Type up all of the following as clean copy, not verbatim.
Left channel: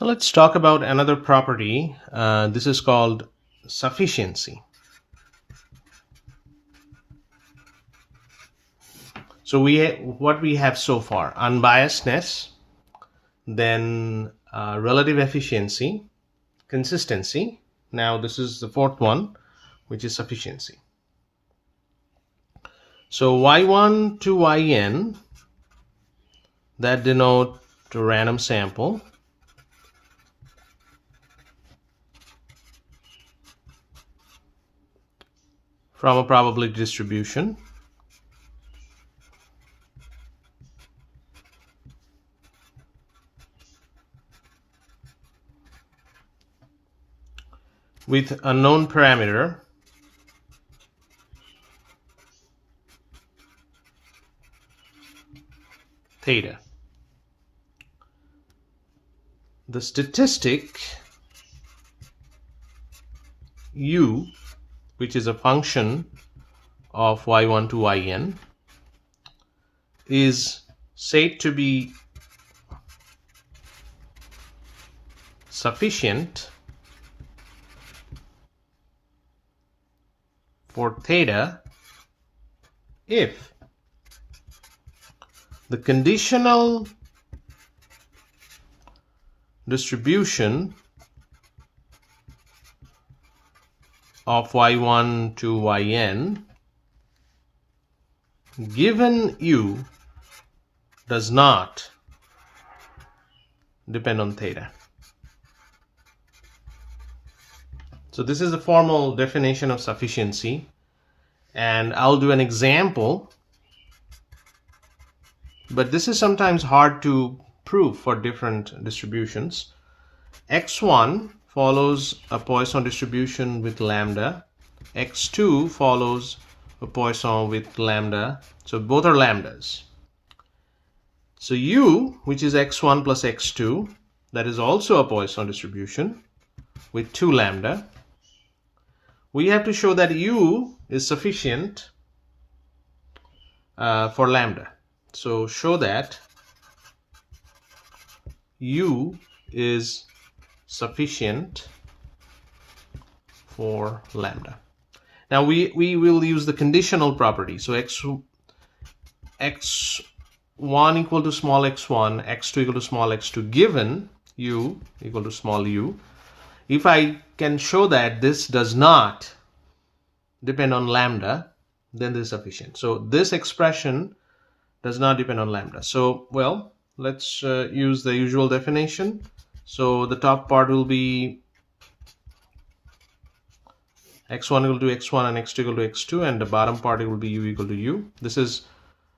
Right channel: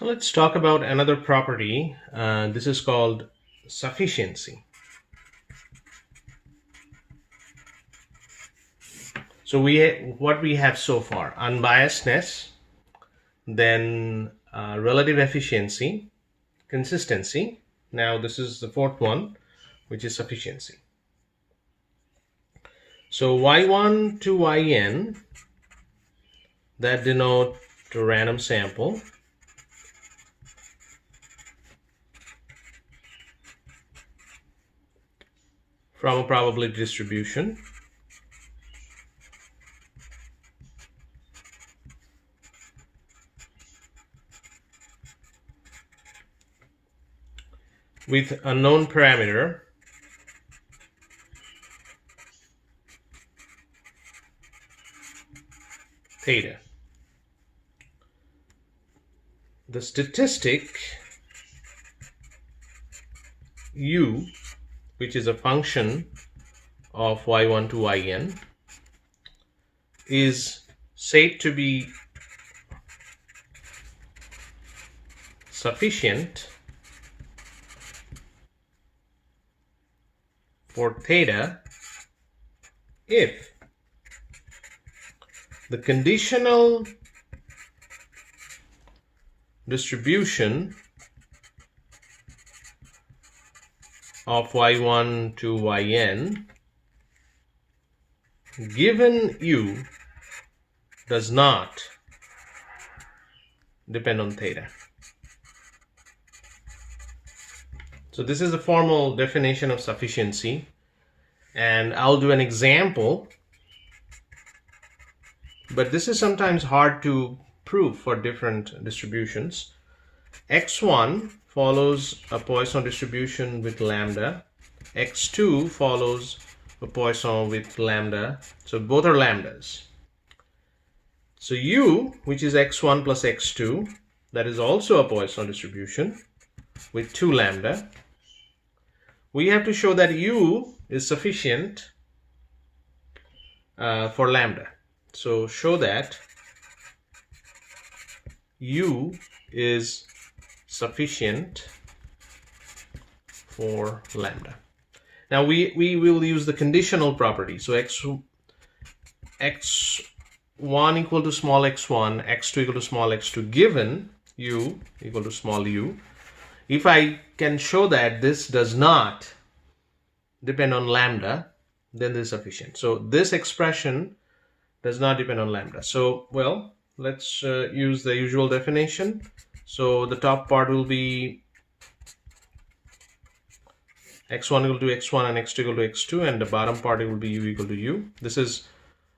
So let's talk about another property. This is called sufficiency. So what we have so far: unbiasedness, then relative efficiency, consistency. Now this is the fourth one, which is sufficiency. So y1 to yn, that denote a random sample. From a probability distribution. With a known parameter theta. The statistic u, which is a function of y1 to yn, is said to be sufficient for theta if the conditional distribution of y1 to yn given u does not depend on theta. So this is the formal definition of sufficiency, and I'll do an example, but this is sometimes hard to prove for different distributions. x1 follows a Poisson distribution with lambda, x2 follows a Poisson with lambda, so both are lambdas. So u, which is x1 plus x2, that is also a Poisson distribution with 2 lambda. We have to show that u is sufficient for lambda. So show that u is sufficient for lambda. Now we will use the conditional property. So x1 equal to small x1, x2 equal to small x2, given u equal to small u. If I can show that this does not depend on lambda, then this is sufficient. So this expression does not depend on lambda. So, well, let's use the usual definition. So the top part will be x1 equal to x1 and x2 equal to x2, and the bottom part will be u equal to u. This is,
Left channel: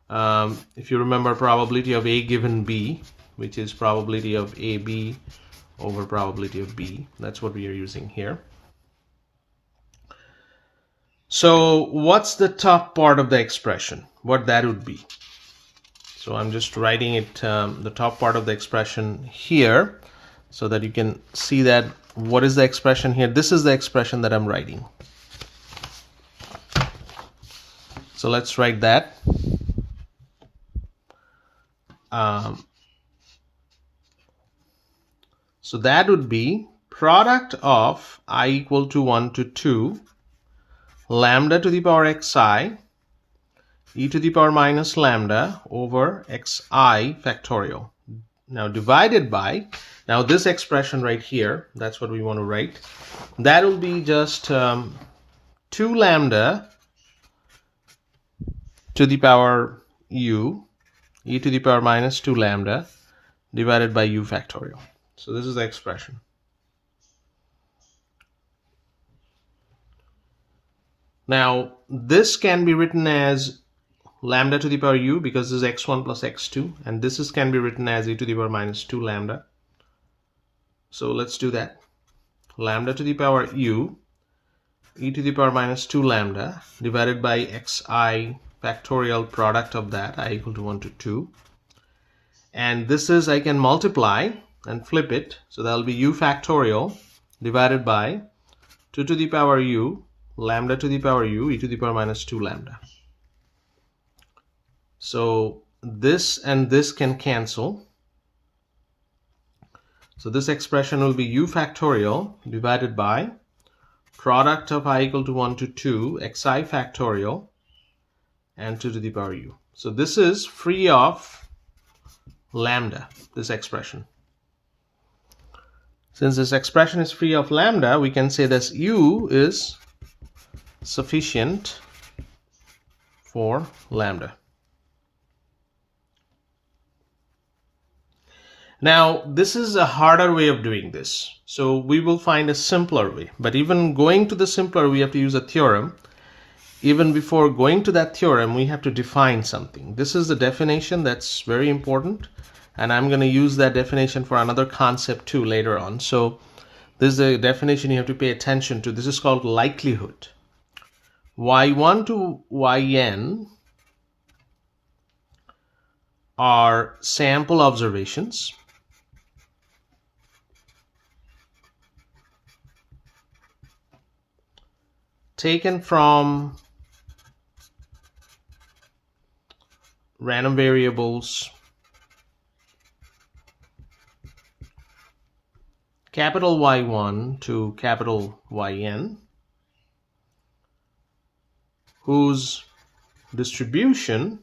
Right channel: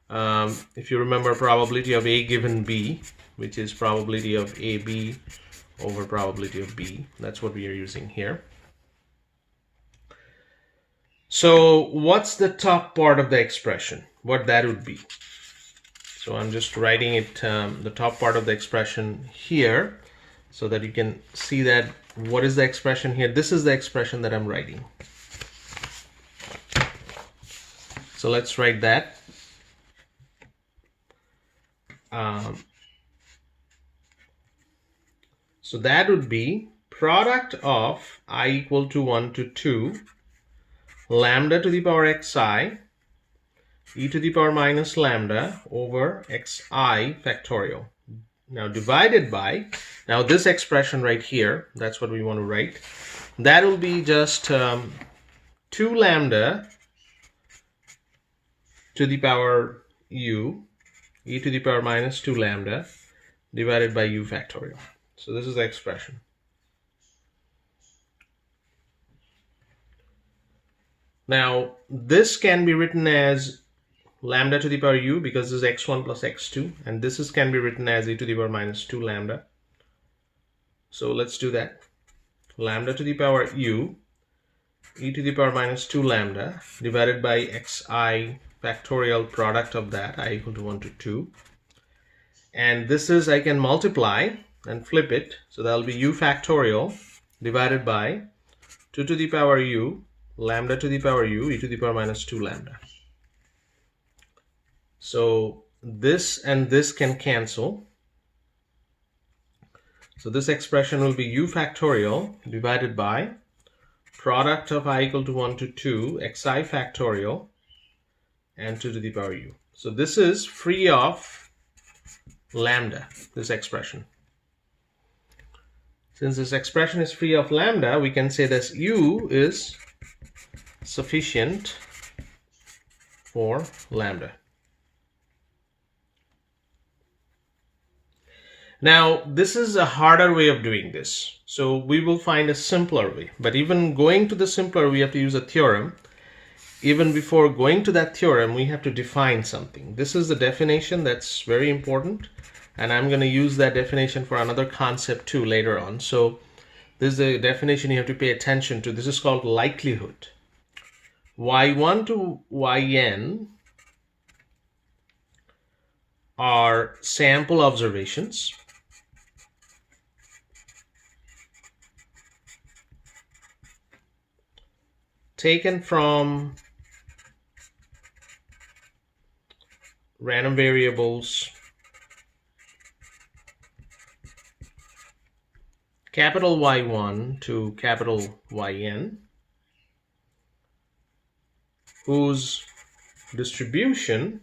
if you remember, probability of A given B, which is probability of AB over probability of B. That's what we are using here. So what's the top part of the expression? What that would be? So I'm just writing it, the top part of the expression here, so that you can see that what is the expression here. This is the expression that I'm writing. So let's write that. So that would be product of I equal to 1 to 2 lambda to the power xi e to the power minus lambda over xi factorial. Now divided by, now this expression right here, that's what we want to write. That will be just 2 lambda to the power u e to the power minus 2 lambda divided by u factorial. So this is the expression. Now this can be written as lambda to the power u, because this is x1 plus x2, and this can be written as e to the power minus 2 lambda. So let's do that. Lambda to the power u e to the power minus 2 lambda divided by xi factorial, product of that I equal to 1 to 2, and this is, I can multiply and flip it, so that will be u factorial divided by 2 to the power u lambda to the power u e to the power minus 2 lambda. So this and this can cancel. So this expression will be u factorial divided by product of I equal to 1 to 2 xi factorial and 2 to the power u. So this is free of lambda, this expression. Since this expression is free of lambda, we can say that u is sufficient for lambda. Now, this is a harder way of doing this. So we will find a simpler way. But even going to the simpler, we have to use a theorem. Even before going to that theorem, we have to define something. This is the definition that's very important. And I'm going to use that definition for another concept too later on. So this is a definition you have to pay attention to. This is called likelihood. Y1 to yn are sample observations taken from random variables capital Y1 to capital Yn, whose distribution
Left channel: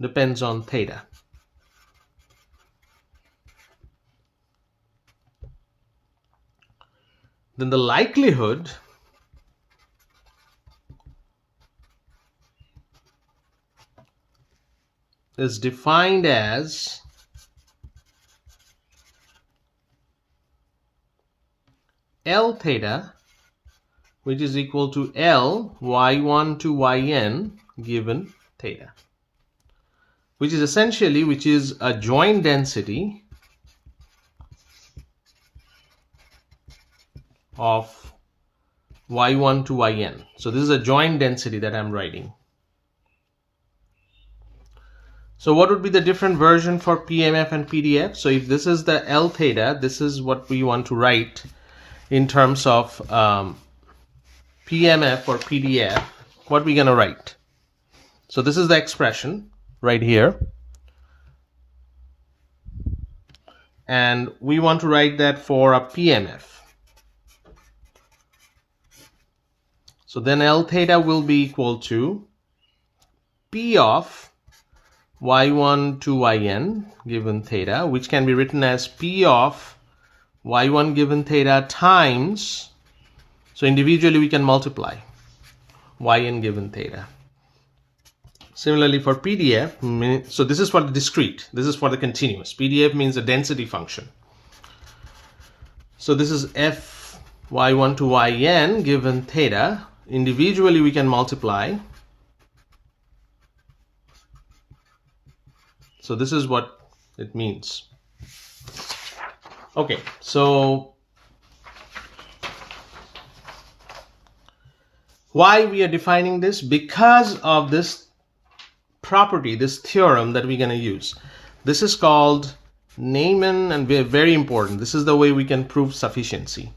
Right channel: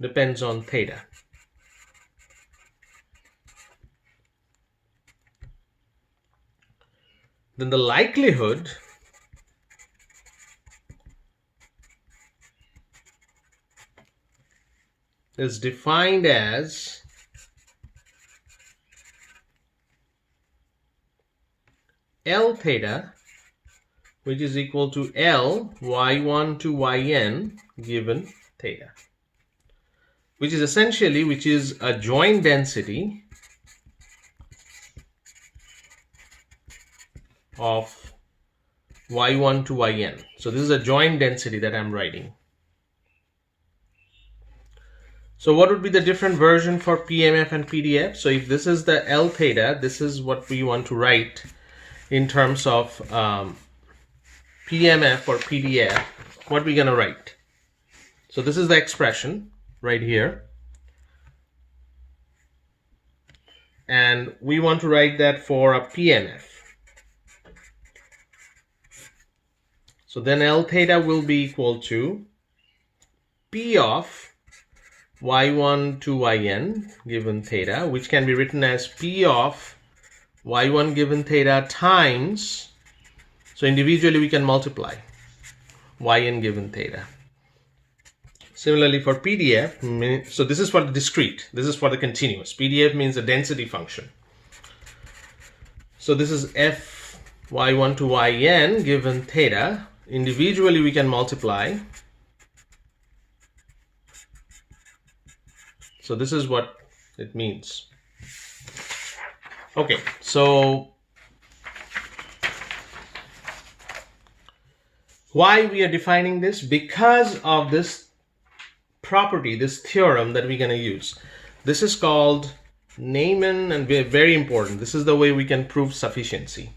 depends on theta. Then the likelihood is defined as L theta, which is equal to L Y1 to Yn given theta, which is a joint density of Y1 to Yn. So this is a joint density that I'm writing. So what would be the different version for PMF and PDF? So if this is the L theta, this is what we want to write in terms of PMF or PDF. What we're going to write? So this is the expression right here. And we want to write that for a PMF. So then L theta will be equal to P of Y1 to Yn given theta, which can be written as P of Y1 given theta times, so individually we can multiply Yn given theta. Similarly for PDF, so this is for the discrete, this is for the continuous. PDF means a density function. So this is F Y1 to Yn given theta. Individually we can multiply. So this is what it means. Okay, so why we are defining this? Because of this property, this theorem that we're going to use. This is called Neyman, and very important. This is the way we can prove sufficiency.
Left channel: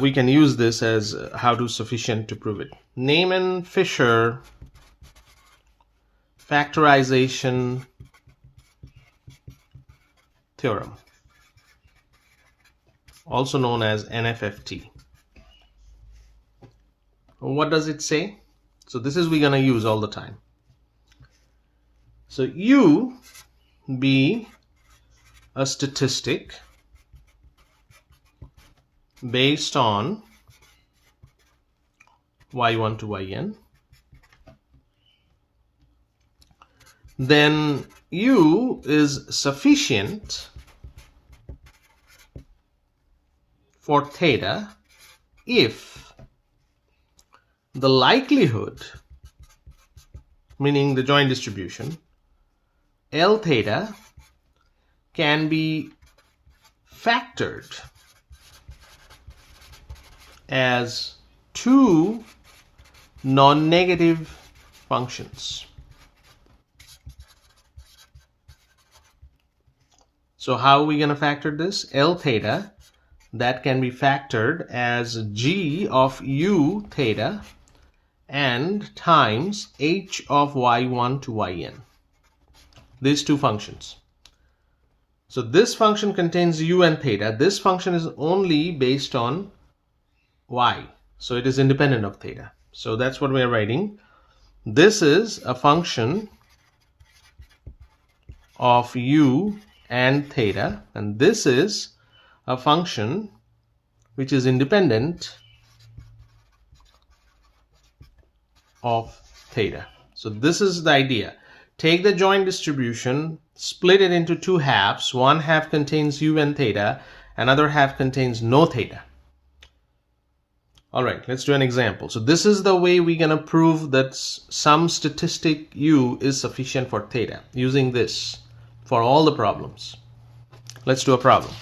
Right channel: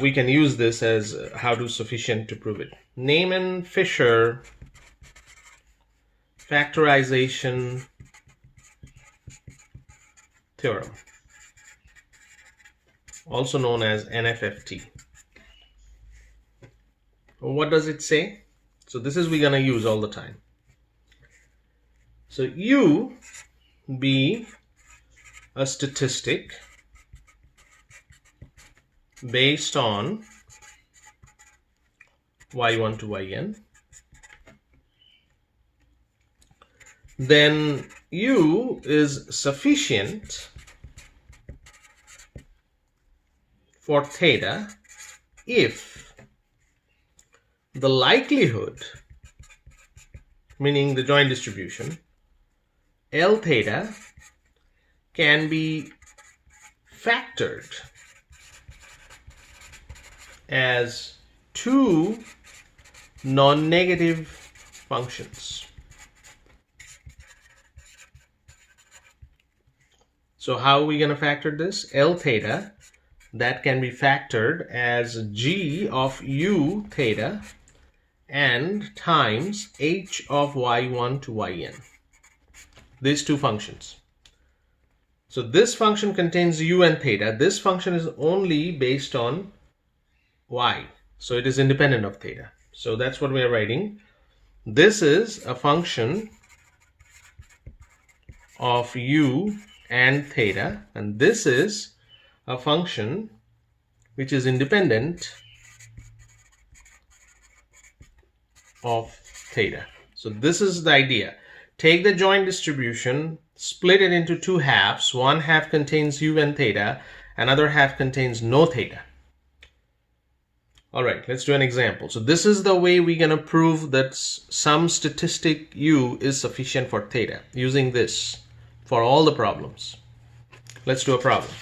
We can use this as how to sufficient to prove it. Neyman-Fisher factorization theorem, also known as NFFT. What does it say? So this is we're going to use all the time. So U be a statistic based on Y1 to Yn, then U is sufficient for theta if the likelihood, meaning the joint distribution, L theta can be factored as two non-negative functions. So how are we going to factor this? L theta, that can be factored as G of U theta and times H of Y1 to Yn. these two functions. So this function contains u and theta. This function is only based on y. So it is independent of theta. So that's what we're writing. This is a function of u and theta, and this is a function which is independent of theta. So this is the idea. Take the joint distribution, split it into two halves. One half contains u and theta, another half contains no theta. All right, let's do an example. So this is the way we're going to prove that some statistic u is sufficient for theta, using this for all the problems. Let's do a problem.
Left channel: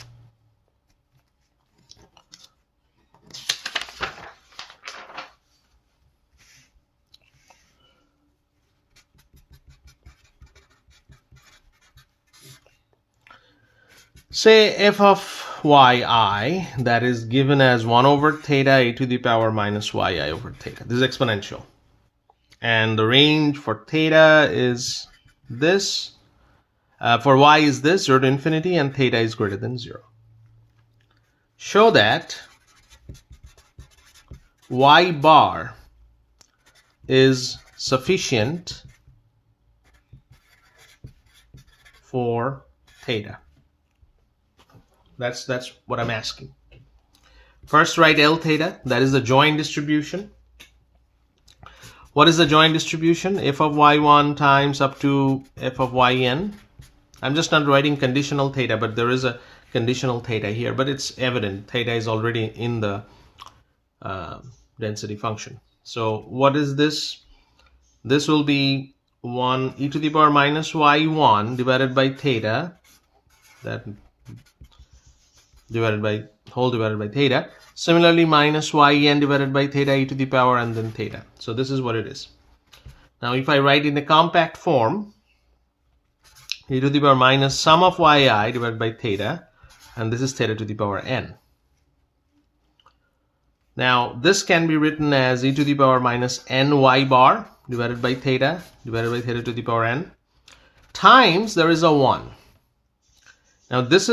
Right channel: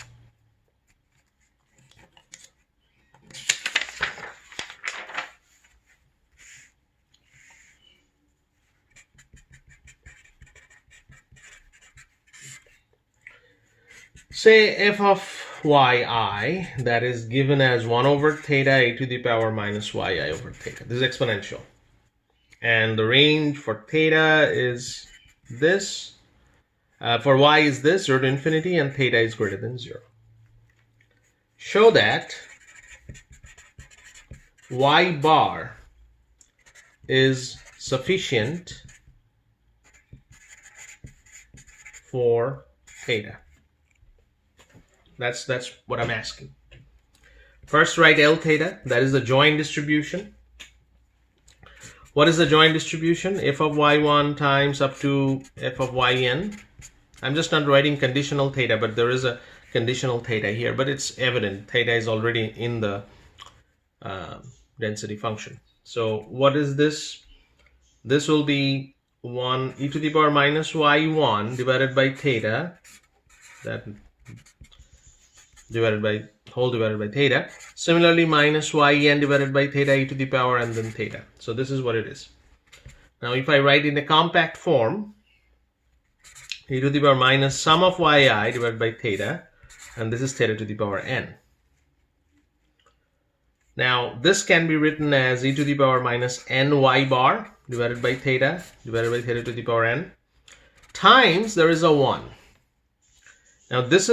Say f of yi, that is given as 1 over theta a to the power minus yi over theta. This is exponential. And the range for theta is this. For y is this, 0 to infinity, and theta is greater than 0. Show that y bar is sufficient for theta. That's what I'm asking. First, write L theta. That is the joint distribution. What is the joint distribution? F of y1 times up to f of yn. I'm just not writing conditional theta, but there is a conditional theta here, but it's evident theta is already in the density function. So what is this? This will be 1 e to the power minus y1 divided by theta, that divided by theta. Similarly, minus yn divided by theta e to the power and then theta. So this is what it is. Now if I write in the compact form, e to the power minus sum of yi divided by theta, and this is theta to the power n. Now this can be written as e to the power minus ny bar divided by theta to the power n times there is a 1. Now this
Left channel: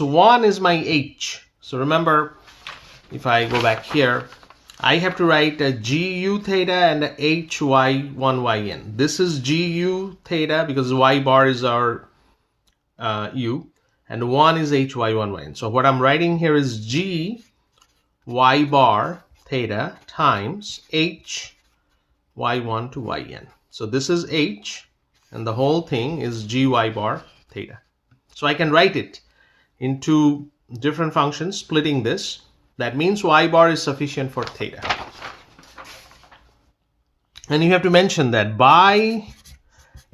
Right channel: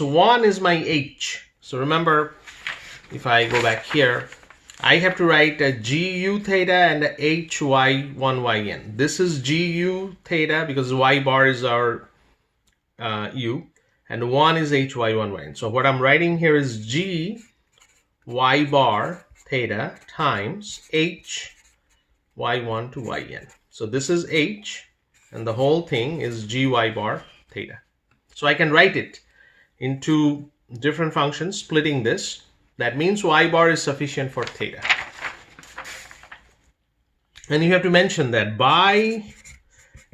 1 is my h. So remember, if I go back here, I have to write a gu theta and a hy1yn. This is gu theta because y bar is our u, and 1 is hy1yn. So what I'm writing here is g y bar theta times h y1 to yn. So this is h, and the whole thing is gy bar theta. So I can write it into different functions, splitting this. That means y bar is sufficient for theta. And you have to mention that by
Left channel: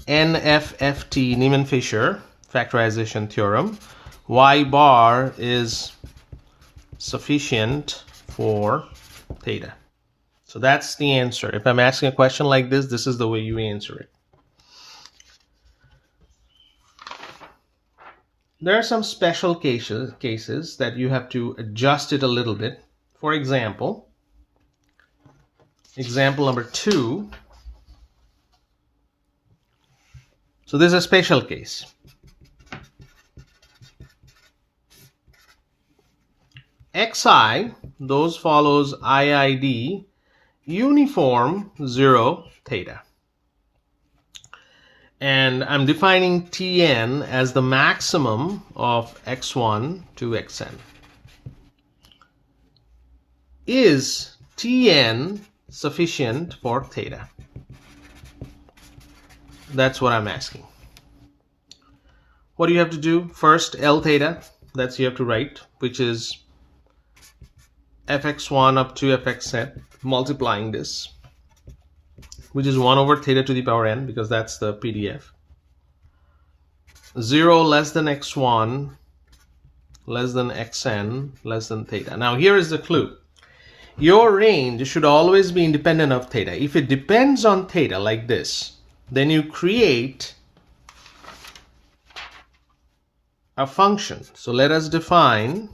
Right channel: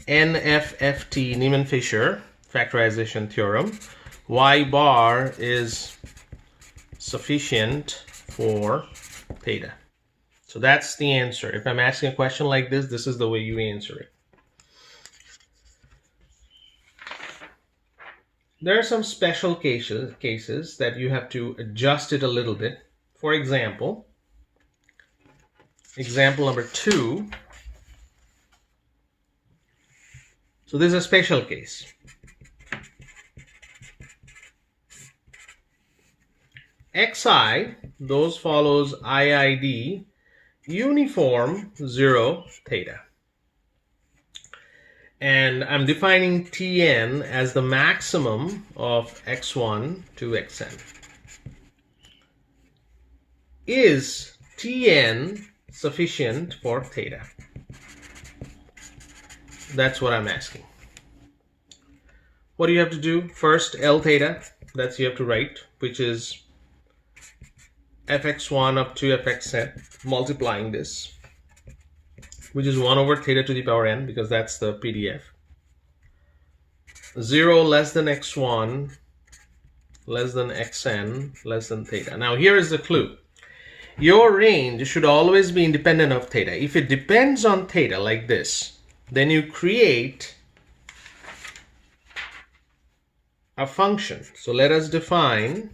NFFT, Niemann-Fisher factorization theorem, y bar is sufficient for theta. So that's the answer. If I'm asking a question like this is the way you answer it. There are some special cases that you have to adjust it a little bit. For example, example number 2. So this is a special case. Xi, those follows IID, uniform 0 theta. And I'm defining Tn as the maximum of x1 to xn. Is Tn sufficient for theta? That's what I'm asking. What do you have to do? First, L theta, that's you have to write, which is fx1 up to fxn, multiplying this, which is 1 over theta to the power n, because that's the PDF. 0 less than x1 less than xn less than theta. Now here is the clue. Your range should always be independent of theta. If it depends on theta like this, then you create a function. So let us define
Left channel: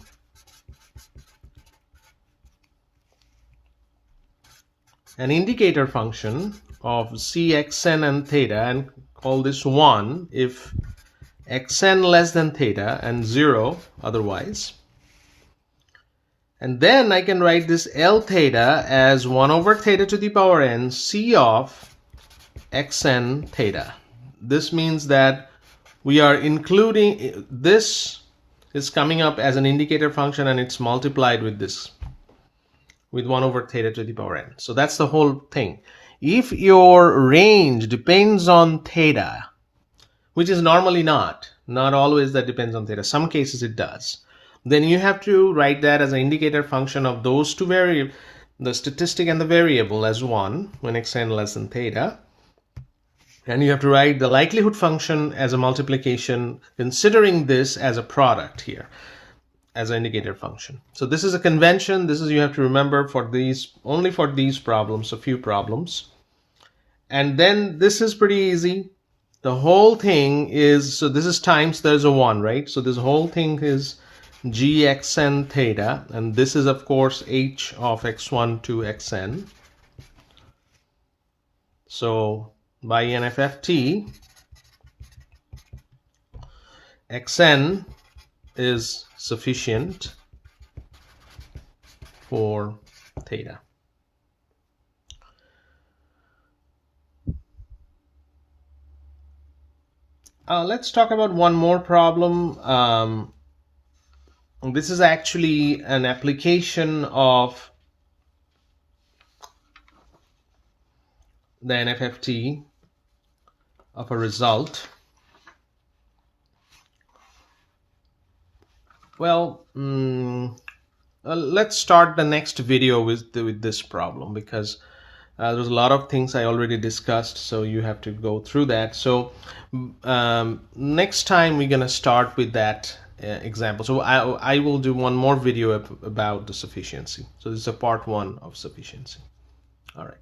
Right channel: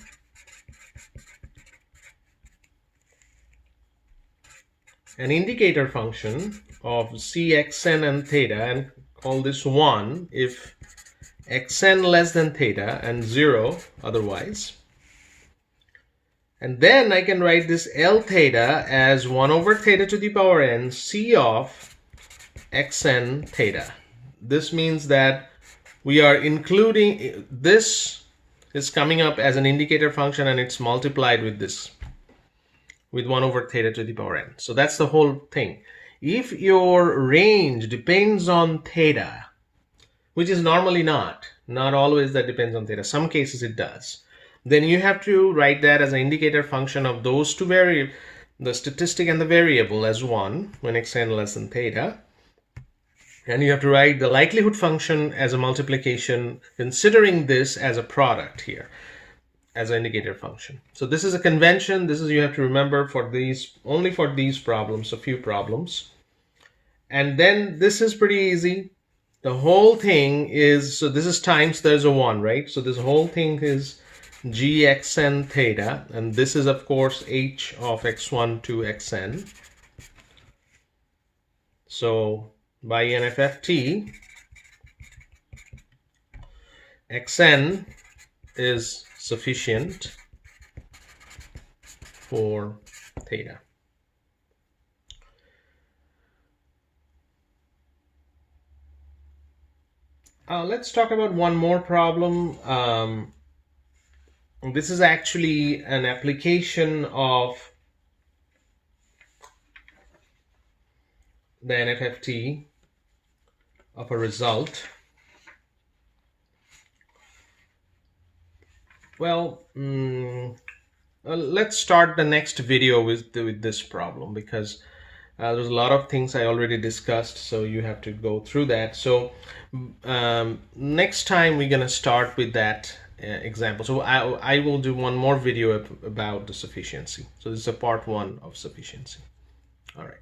an indicator function of cxn and theta and call this 1 if xn less than theta and 0 otherwise. And then I can write this L theta as 1 over theta to the power n C of xn theta. This means that we are including, this is coming up as an indicator function and it's multiplied with this, with 1 over theta to the power n. So that's the whole thing. If your range depends on theta, which is normally not always that depends on theta, some cases it does, then you have to write that as an indicator function of those two variables, the statistic and the variable, as 1 when xn less than theta. And you have to write the likelihood function as a multiplication, considering this as a product here, as an indicator function. So this is a convention. This is, you have to remember for these, only for these problems, a few problems. And then this is pretty easy. The whole thing is, so this is times, there's a 1, right? So this whole thing is gxn theta, and this is of course h of x1 to xn. So by NFFT, xn is sufficient for theta. Let's talk about one more problem. This is actually an application of the NFFT of a result. Well, let's start the next video with this problem, because there's a lot of things I already discussed, so you have to go through that. So next time we're gonna start with that example. So I will do one more video about the sufficiency. So this is a part 1 of sufficiency. All right.